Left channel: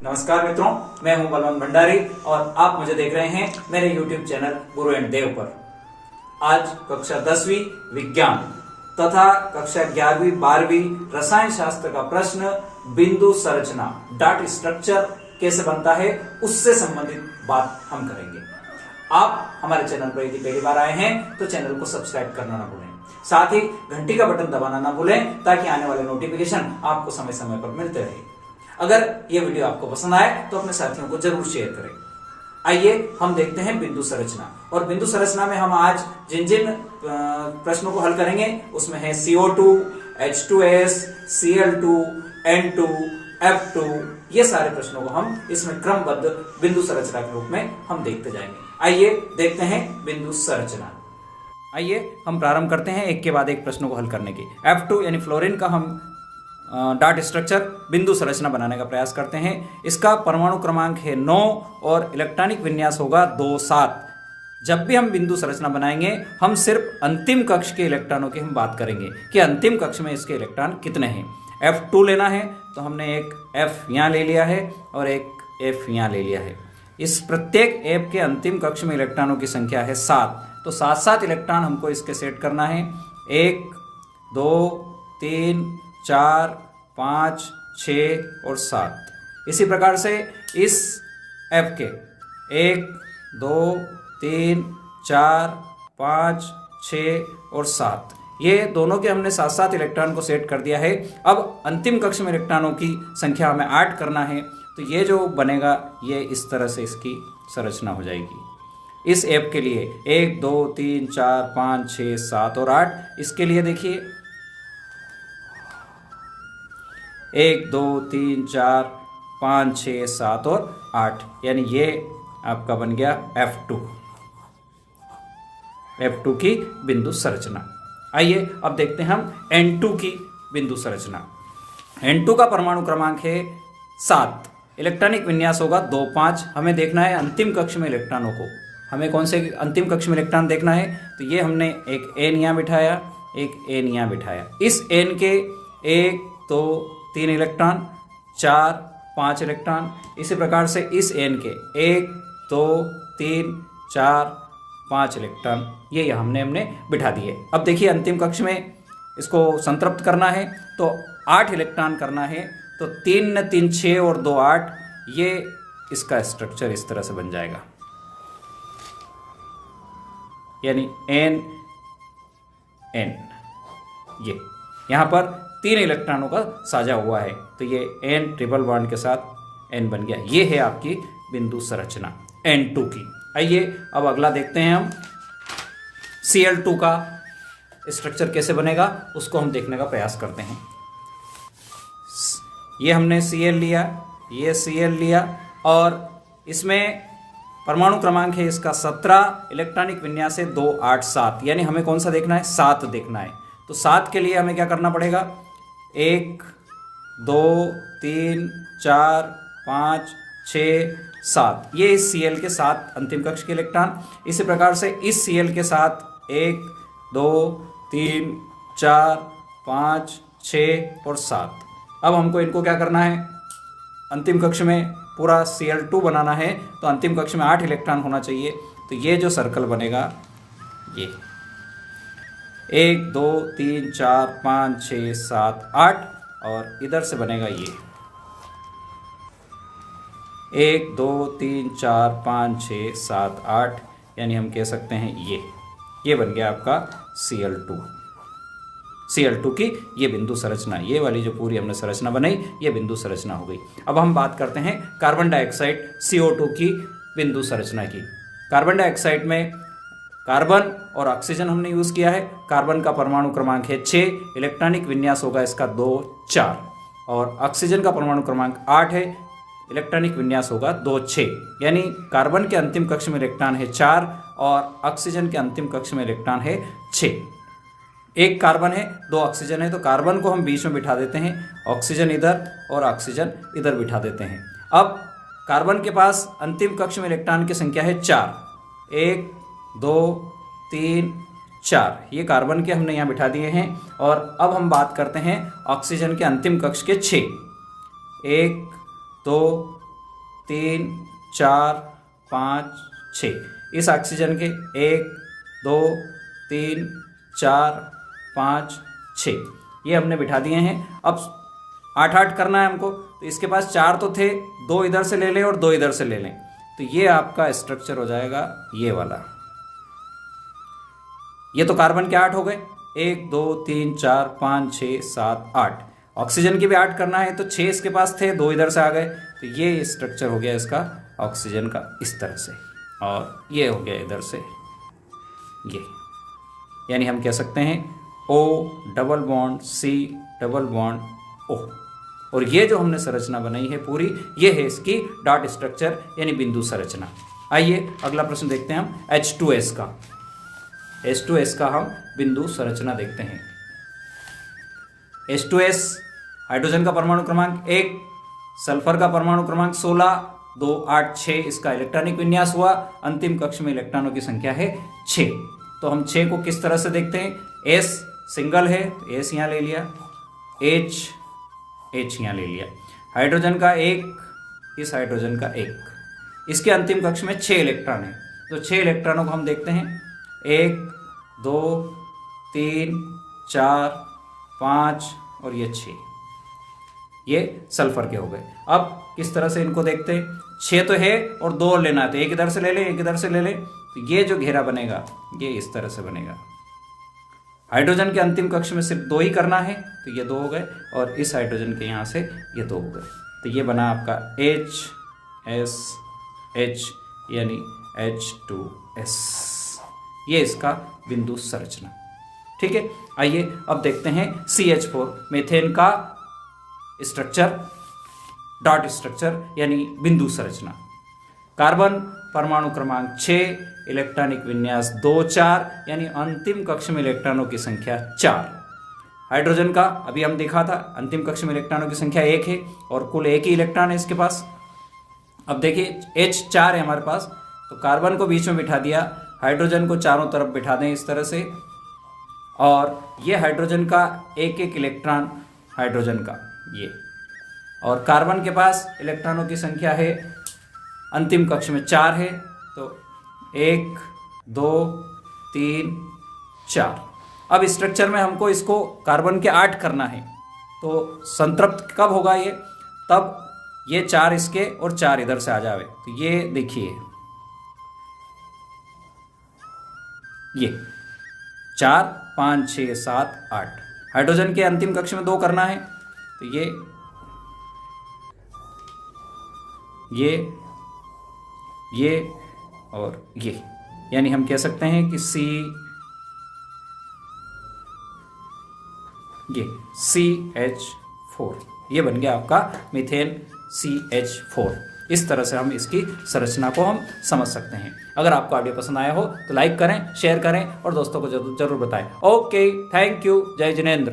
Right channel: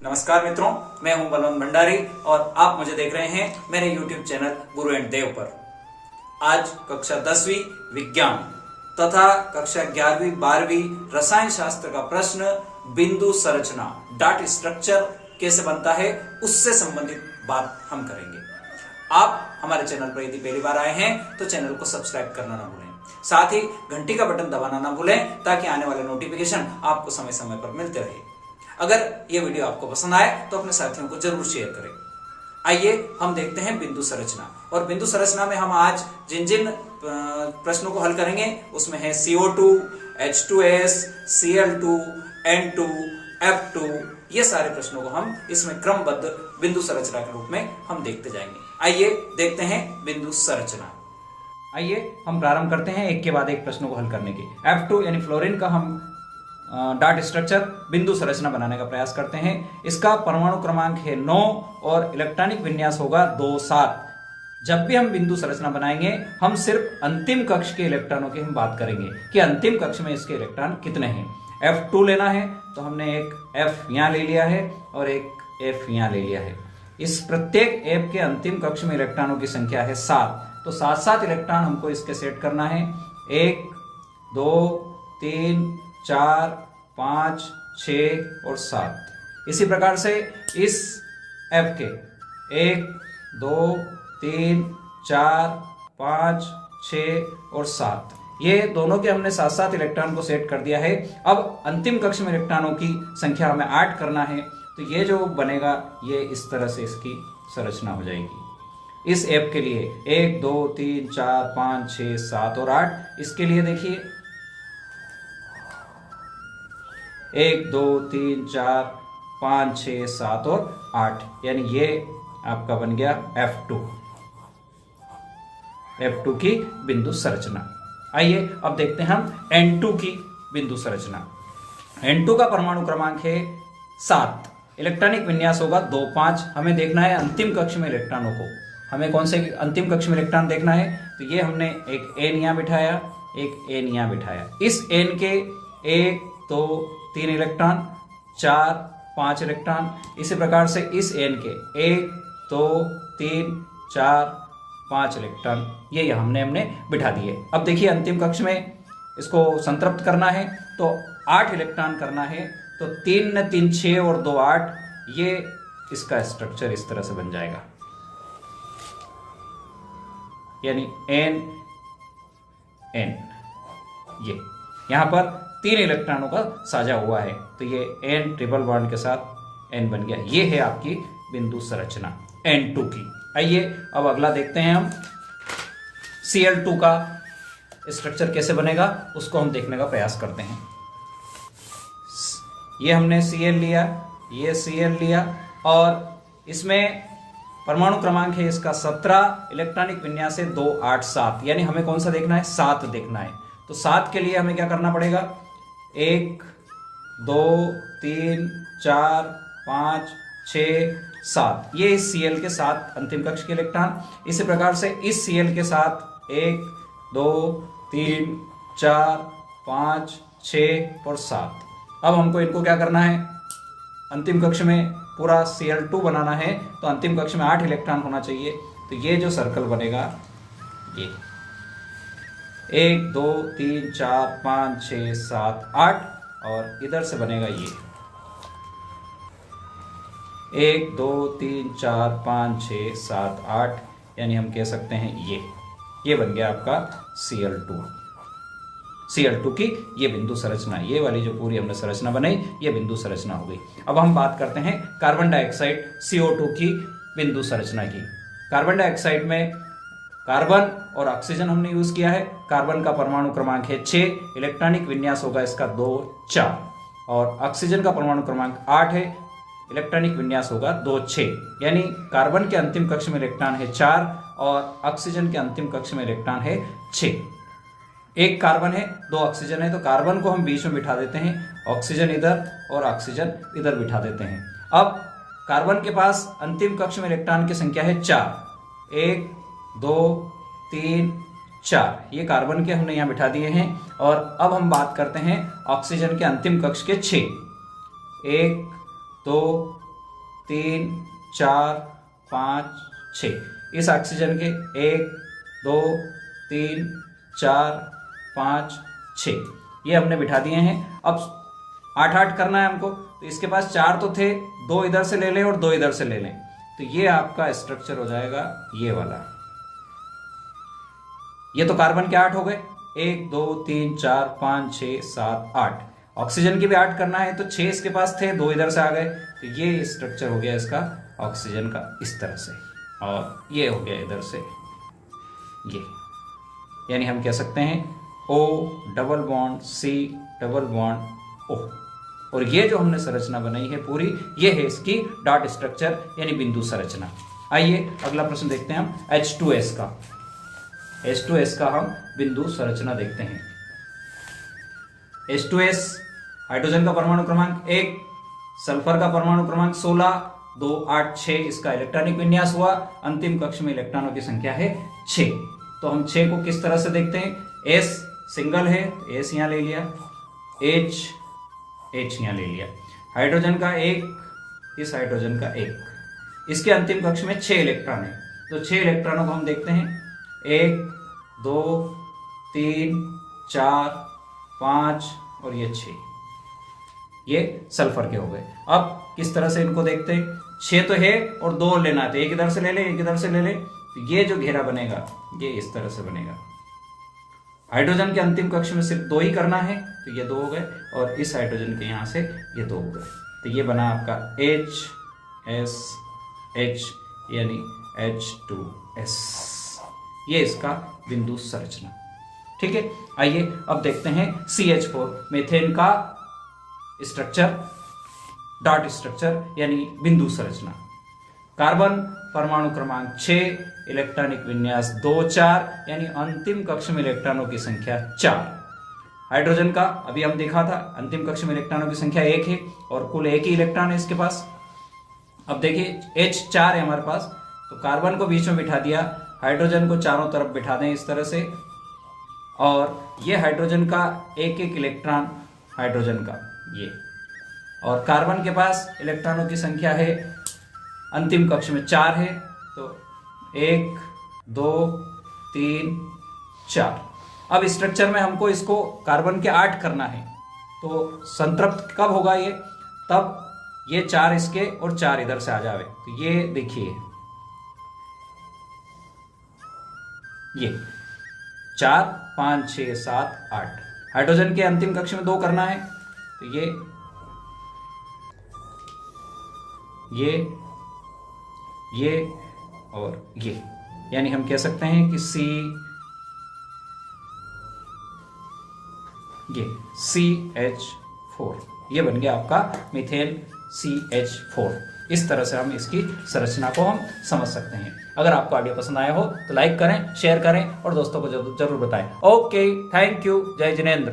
नमस्कार मित्रों, मैं हूं बलवंत भंडारी और आप मुझे देख रहे हैं मेरे YouTube चैनल गुरु एंड देव पर। आज कक्षा 10वीं विज्ञान तथा कक्षा 11वीं 12वीं रसायन शास्त्र का प्रश्न बिंदु संरचना डाट स्ट्रक्चर कैसे बनता है उससे संबंधित बात हम करेंगे। आप हमारे चैनल पर यदि पहली बार आए हैं तो चैनल को सब्सक्राइब करना ना भूलें, साथ ही घंटी का बटन दबाना ना भूलें ताकि आने वाले नोटिफिकेशन आपको समय समय पर मिलते रहे। अगर ये वीडियो आपको पसंद आए तो अपने साथियों को जरूर शेयर करें। आइए हम देखते हैं बिंदु संरचना। और बिंदु संरचना में हम आज जिन जिन प्रश्नों को हल करेंगे उसमें है CO2, H2S, Cl2, N2, F2, ये सारे प्रश्नों को हम इसमें क्रमबद्ध बिंदु संरचना के रूप में हम देखते जाएंगे। आइए देखते हैं बिंदु संरचना। आइए हम प्रारंभ करते हैं एक के बाद एक प्रश्नों को हल करने की। F2 यानी फ्लोरीन का हम डाट स्ट्रक्चर बिंदु संरचना बनाने का प्रयास करते हैं। इसका परमाणु क्रमांक है 9 और इलेक्ट्रॉनिक विन्यास होगा 2,7। जब भी हम बिंदु संरचना बनाएंगे हम सिर्फ अंतिम कक्ष के इलेक्ट्रॉनों की हम बात करेंगे कि अंतिम कक्ष में इसके इलेक्ट्रॉन कितने हैं। F2 लेना है तो हमने एक F यहाँ ले लिया है और एक F यहाँ ले लिया है। इस प्रत्येक F के अंतिम कक्ष में इलेक्ट्रॉनों की संख्या है 7, तो 7-7 इलेक्ट्रॉन हमको इसके सेट करना है। 1, 2, 3, 4, 5, 6 और 7। इसी प्रकार से इस F के 1, 2, 3, 4, 5, 6 और 7, ये दोनों के हमने 7-7 इलेक्ट्रॉन को सेट कर दिया है। अब अंतिम कक्ष में इलेक्ट्रॉनों की संख्या हमें 8 करना है, तो ये जो बनेगा ये इस तरह से इसकी संरचना हो जाएगी। इस F के लिए 1, 2, 3, 4, 5, 6, 7 और 8। इसके लिए देखिए 1, 2, 3, 4, 5, 6, 7 और 8, यानी ये आपका बन गया F2 की बिंदु संरचना। आइए अब देखते हैं हम N2 की बिंदु संरचना। N2 का परमाणु क्रमांक है 7, इलेक्ट्रॉनिक विन्यास होगा 2, 5। हमें देखना है अंतिम कक्ष में इलेक्ट्रॉनों को। हमें कौन से अंतिम कक्ष में इलेक्ट्रॉन देखना है, तो ये हमने एक N यहाँ बिठाया, एक N यहाँ बिठाया। इस N के 1, 2, 3 इलेक्ट्रॉन, 4, 5 इलेक्ट्रॉन। इसी प्रकार से इस N के 1, 2, 3, 4, 5 इलेक्ट्रॉन ये हमने बिठा दिए। अब देखिए अंतिम कक्ष में इसको संतृप्त करना है तो 8 इलेक्ट्रॉन करना है, तो 3 ने 3 6 और 2 8, ये इसका स्ट्रक्चर इस तरह से बन जाएगा, यानी N N। ये यहाँ पर 3 इलेक्ट्रॉनों का साझा हुआ है, तो ये N ट्रिपल बॉन्ड के साथ N बन गया। ये है आपकी बिंदु संरचना N2 की। आइए अब अगला देखते हैं हम Cl2 का स्ट्रक्चर कैसे बनेगा, उसको हम देखने का प्रयास करते हैं। ये हमने Cl लिया, ये Cl लिया और इसमें परमाणु क्रमांक है इसका 17, इलेक्ट्रॉनिक विन्यास है 2, 8, 7, यानी हमें कौन सा देखना है, 7 देखना है। तो 7 के लिए हमें क्या करना पड़ेगा, 1, 2, 3, 4, 5, 6, 7, ये इस Cl के साथ अंतिम कक्ष के इलेक्ट्रॉन। इसी प्रकार से इस Cl के साथ 1, 2, 3, 4, 5, 6 और 7। अब हमको इनको क्या करना है, अंतिम कक्ष में पूरा Cl2 बनाना है, तो अंतिम कक्ष में 8 इलेक्ट्रॉन होना चाहिए। तो ये जो सर्कल बनेगा ये 1, 2, 3, 4, 5, 6, 7, 8 और इधर से बनेगा ये 1, 2, 3, 4, 5, 6, 7, 8, यानी हम कह सकते हैं ये बन गया आपका Cl2 की ये बिंदु संरचना। ये वाली जो पूरी हमने संरचना बनाई ये बिंदु संरचना हो गई। अब हम बात करते हैं कार्बन डाइऑक्साइड CO2 की बिंदु संरचना की। कार्बन डाइऑक्साइड में कार्बन और ऑक्सीजन हमने यूज किया है। कार्बन का परमाणु क्रमांक है 6, इलेक्ट्रॉनिक विन्यास होगा इसका 2, 4 और ऑक्सीजन का परमाणु क्रमांक 8 है, इलेक्ट्रॉनिक विन्यास होगा 2, 6, यानी कार्बन के अंतिम कक्ष में इलेक्ट्रॉन है 4 और ऑक्सीजन के अंतिम कक्ष में इलेक्ट्रॉन है 6। एक कार्बन है, 2 ऑक्सीजन है, तो कार्बन को हम बीच में बिठा देते हैं, ऑक्सीजन इधर और ऑक्सीजन इधर बिठा देते हैं। अब कार्बन के पास अंतिम कक्ष में इलेक्ट्रॉन की संख्या है 4, 1, 2, 3, 4, ये कार्बन के हमने यहाँ बिठा दिए हैं। और अब हम बात करते हैं ऑक्सीजन के अंतिम कक्ष के 6, 1, 2, 3 4 5 6। इस ऑक्सीजन के 1 2 3 4 5 6 ये हमने बिठा दिए हैं। अब 8 करना है हमको, तो इसके पास 4 तो थे, 2 इधर से ले लें और 2 इधर से ले लें, तो ये आपका स्ट्रक्चर हो जाएगा ये वाला। ये तो कार्बन के 8 हो गए, 1 2 3 4 5 6 7 8। ऑक्सीजन की भी 8 करना है, तो 6 इसके पास थे, 2 इधर से आ गए, तो ये स्ट्रक्चर हो गया इसका ऑक्सीजन का इस तरह से, और ये हो गया इधर से ये। यानी हम कह सकते हैं O double bond C double bond O। और ये जो हमने संरचना बनाई है पूरी, ये है इसकी डॉट स्ट्रक्चर यानी बिंदु संरचना। आइए अगला प्रश्न देखते हैं हम H2S का। H2S का हम बिंदु संरचना देखते हैं। H2S हाइड्रोजन का परमाणु क्रमांक 1, सल्फर का परमाणु क्रमांक 16, 2 8 6 इसका इलेक्ट्रॉनिक विन्यास हुआ। अंतिम कक्ष में इलेक्ट्रॉनों की संख्या है 6। तो हम 6 को किस तरह से देखते हैं? S सिंगल है तो S यहाँ ले लिया, H यहाँ ले लिया। हाइड्रोजन का 1, इस हाइड्रोजन का 1, इसके अंतिम कक्ष में 6 इलेक्ट्रॉन है, तो 6 इलेक्ट्रॉनों को हम देखते हैं 1 2 3 4 5 और ये 6, ये सल्फर के हो गए। अब किस तरह से इनको देखते हैं? 6 तो है और 2 लेना है, तो एक इधर से ले लें एक इधर से ले लें, तो ये जो घेरा बनेगा ये इस तरह से बनेगा। हाइड्रोजन के अंतिम कक्ष में सिर्फ 2 ही करना है, तो ये 2 हो गए, और इस हाइड्रोजन के यहाँ से ये 2 हो गए, तो ये बना आपका HSH यानी H2S। ये इसका बिंदु संरचना। ठीक है, आइए अब देखते हैं CH4 मीथेन का स्ट्रक्चर, डॉट स्ट्रक्चर यानी बिंदु संरचना। कार्बन परमाणु क्रमांक 6, इलेक्ट्रॉनिक विन्यास 2 4 यानी अंतिम कक्ष में इलेक्ट्रॉनों की संख्या 4। हाइड्रोजन का अभी हम देखा था, अंतिम कक्ष में इलेक्ट्रॉनों की संख्या 1 है और कुल 1 ही इलेक्ट्रॉन है इसके पास। अब देखिए H4 है हमारे पास, तो कार्बन को बीच में बिठा दिया, हाइड्रोजन को चारों तरफ बिठा दें इस तरह से, और ये हाइड्रोजन का 1 इलेक्ट्रॉन हाइड्रोजन का ये, और कार्बन के पास इलेक्ट्रॉनों की संख्या है अंतिम कक्ष में 4 है, तो 1 2 3 4। अब स्ट्रक्चर में हमको इसको कार्बन के 8 करना है, तो संतृप्त कब होगा ये? तब ये 4 इसके और 4 इधर से आ जावे, तो ये देखिए ये 4 5 6 7 8। हाइड्रोजन के अंतिम कक्ष में 2 करना है, तो ये और ये, यानी हम कह सकते हैं कि CH4 ये बन गया आपका मीथेन CH4। इस तरह से हम इसकी संरचना को हम समझ सकते हैं। अगर आपको ऑडियो पसंद आया हो तो लाइक करें, शेयर करें और दोस्तों को जरूर बताएं। ओके, थैंक यू, जय जिनेंद्र।